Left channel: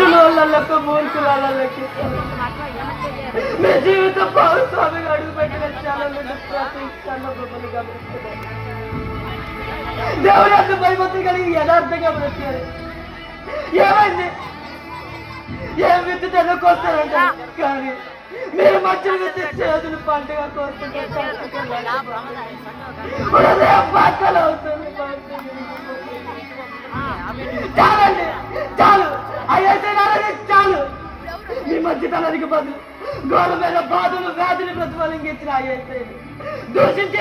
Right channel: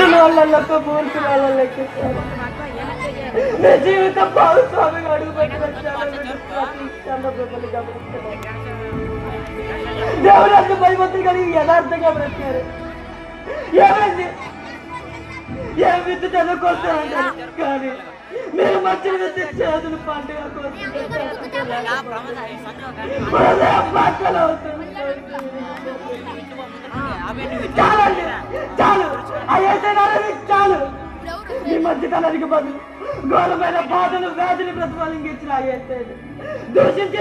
వాళ్ళకు మూర్ఖులకి మీ జీవితం భాగస్వామిగా అడుగుపెట్టిన చాలా బొమ్మలు గమనిస్తున్నాయి. దేవుడు అంత భయభక్తులు కలిగి యథార్థంగా బ్రతికారు. ఏమైంది? ఏం విత్తు చదువుకొస్తారంట, కానీ మీరు మంచిగా చేతులు పండుగ కోరుకుంటారు. చాలండి, చాలు. చాలు. మీ మధ్యతనానికి బదులు ఘోరమైన బాధలు వ్యాధులు ప్రతిఫలించిన దూషించి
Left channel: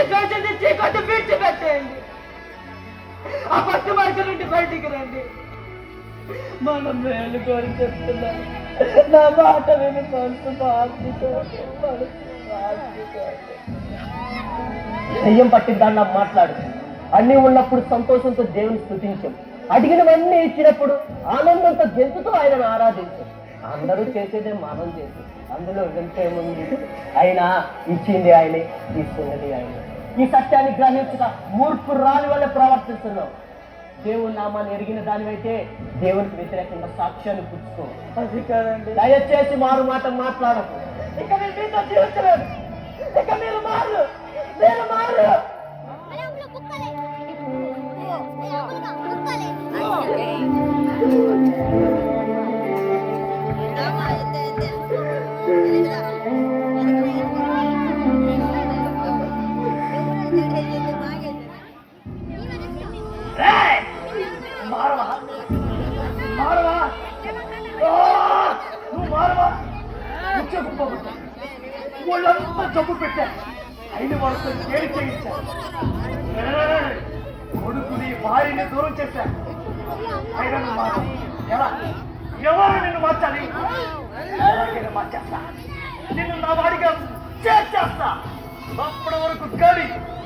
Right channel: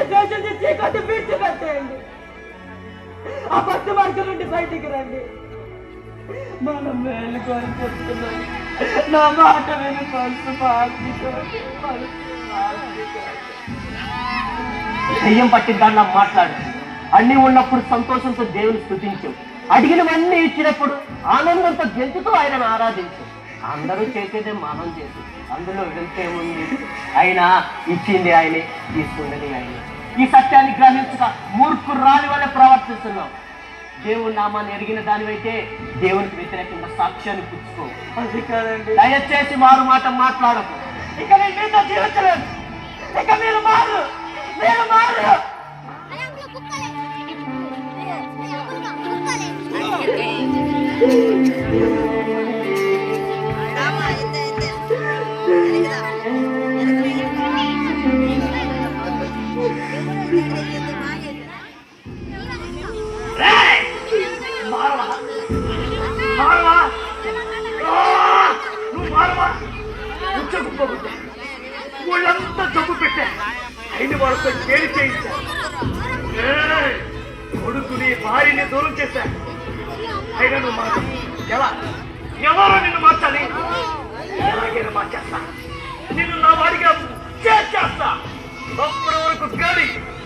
చీకొట్టి విడిచిపెట్టేయండి. ఆ భక్తి మార్గం నుండి బయటికి రండి. మనం మేలు కోరి చెప్తున్నాం. నా మాట విను మనసు దెయ్యం పట్టిద్దాన్ని మాట్లాడు. అన్ని ఉన్నప్పుడు సంతోషంతో దేవుని స్తుతించాం. అడిగినవన్నీ ఇచ్చినప్పుడు ఆనందంతో గెలుచుతూ ఆయనను ఆరాధించాం. అందరూ చేసేదే మనం చేసి అందులో వెళ్తేముంది? అయినా ఇచ్చింది ఆయనే, తీసుకున్నది ఆయనే. ఈ సత్యాన్ని గ్రహించక మూర్ఖురాలి వల్ల ప్రవర్తిస్తున్నాం. దేవుని నామాన్ని ఎరిగిన దానివైతే దేవునికి వ్యతిరేకంగా సాక్ష్యాన్ని పుచ్చుకో. దయచేసి మారు మాట మాట్లాడకు. ఇక నేను మీతో జీవించలేదు. ఇక మీరు మారు. వాళ్ళంతా జబ్బు పెట్టా. అయిన వాళ్ళతో కేరి చేయించారు. కొడుకుని భార్యని దూరం చేశా. అయినా నువ్వు మాట ఎవరో నిన్ను మార్చాలి? ఎలాగైనా మార్చేస్తా. నిన్ను నా వాడిగా చేస్తా. అప్పటి వరకు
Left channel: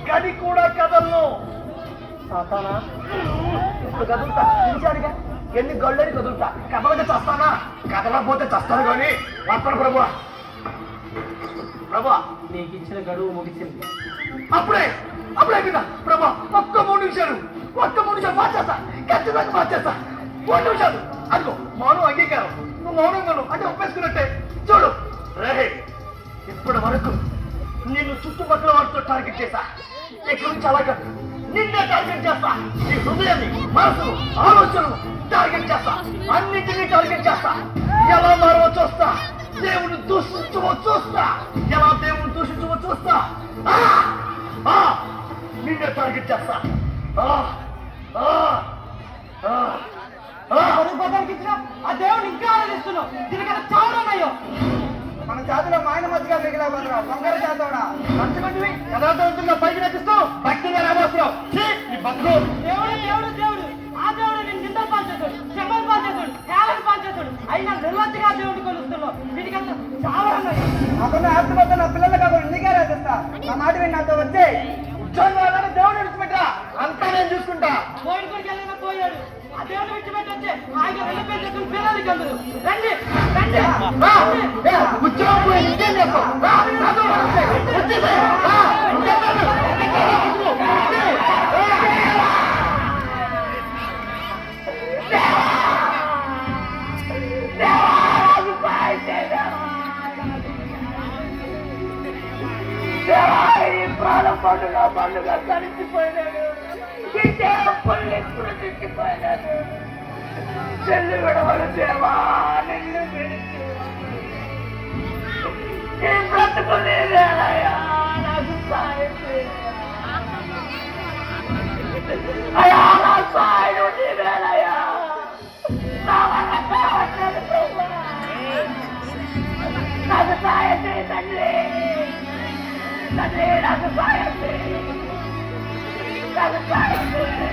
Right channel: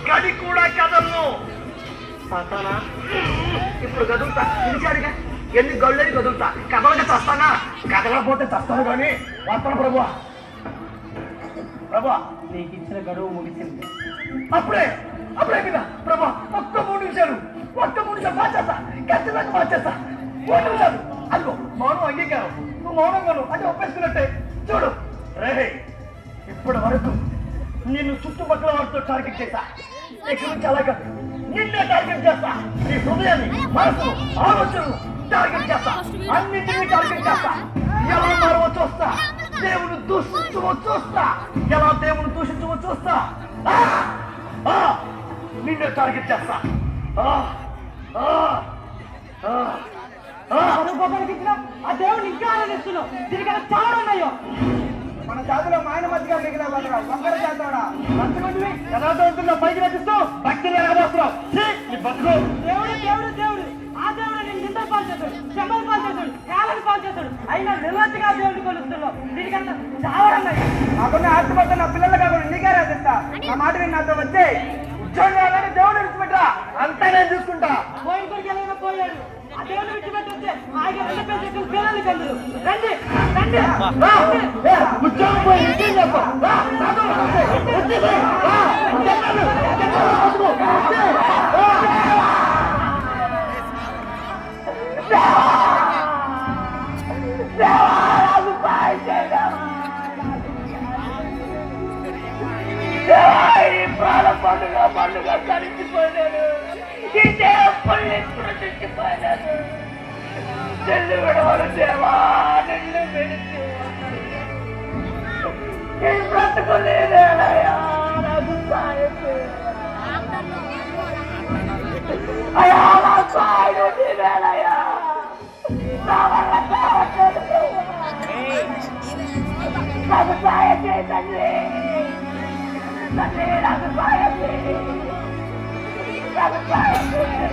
గడి కూడా కదలను. సాతానా, ఇప్పుడు కదులుతా. పిలిచాడుగా, ఎన్ని గళ్ళని కదులుతా. కదలక చస్తానా? కదలకపోతే చస్తాను కానీ వస్తాను ప్రభు. ప్రభా, నీకు ఇచ్చిన గడువు ముగిసింది. అప్పుడే కదా ప్రభా. ఒక్క 3 నిమిషాలు మార్చేస్తా. ఖచ్చితంగా మార్చేస్తా. 3 నిమిషాలు. అదిగో మౌనం అంగీకారం. నువ్వు మౌనంగాను అంటే ఒప్పేసుకున్నట్టే. చూడు రే, ఇప్పటి వరకు నిన్ను చుట్టుపక్కల వారితో టార్గెట్ చేశా. ఇక్కడ నుంచి అలాగా నిన్నే టార్గెట్ చేస్తా. నీ హృదయాన్ని, మనసును, ఆలోచనను టార్గెట్ చేస్తా. అన్నింటినీ టార్గెట్ చేస్తా. ఎలా మారవో చూస్తా. దేవుని దూషించవో చూస్తా. ఎలా దేవుని దూషించవో చూస్తా. నిన్నే టార్గెట్ చేస్తా. ఆ దేవుని ఇంకా ఆనందిస్తున్నావు. దీనికన్నా చావడన్నాయో. మన జాతిలో మాయన మధ్యగా మిగిలిన బంగారు జాతోడా మంచిమంది యథార్థవంతుల్లో పైకి నటిస్తూ భక్తిగా రాబోతున్నావు. ఈ బతుకు దేవుడు ఆ దేవుడు నేను నిందలు పాల్చేస్తాడు, శబ్దాలు పాల్చేస్తాడు, హేళన పాల్చేస్తాడు. అయినా నిర్లజ్జగా దేవుడిని కొలుస్తున్నావు. దీనికన్నా చావడన్నాయో. నాకున్న ఆత్మతో నా పిల్లలు కాకుండా నీకే రాసిస్తా. నా మాట నేను నాతో వచ్చే ఉద్యోగాలని దేవుడు విడిచిపెట్టా. అంతా నేను చూసుకుంటా. పోయిన కొడుకు ఎలా పోయాడు. ఆ దేవుడు విడిచిపెట్టి వచ్చే ఆయన 2 పేరు పిల్లలు కందరు. రండి ఉద్యోగం పోయి ఇంకేం చేస్తాం? పండుగ కలిసిపోయినాను. ఈ దేవుళ్ళు సృష్టించిపోయినాను. చెల్లు విడవలు దేవా, నిన్ను విడిచి బ్రతుకులేదయా. నాకు సాయం అయా, నా సాయం నీవేనయ్యా. నా వల్ల కావట్లేదు ప్రభా. నాకు సాయం చేయి తండ్రి. నాకు సాయం చేయి. నాకు సాయం చేయి.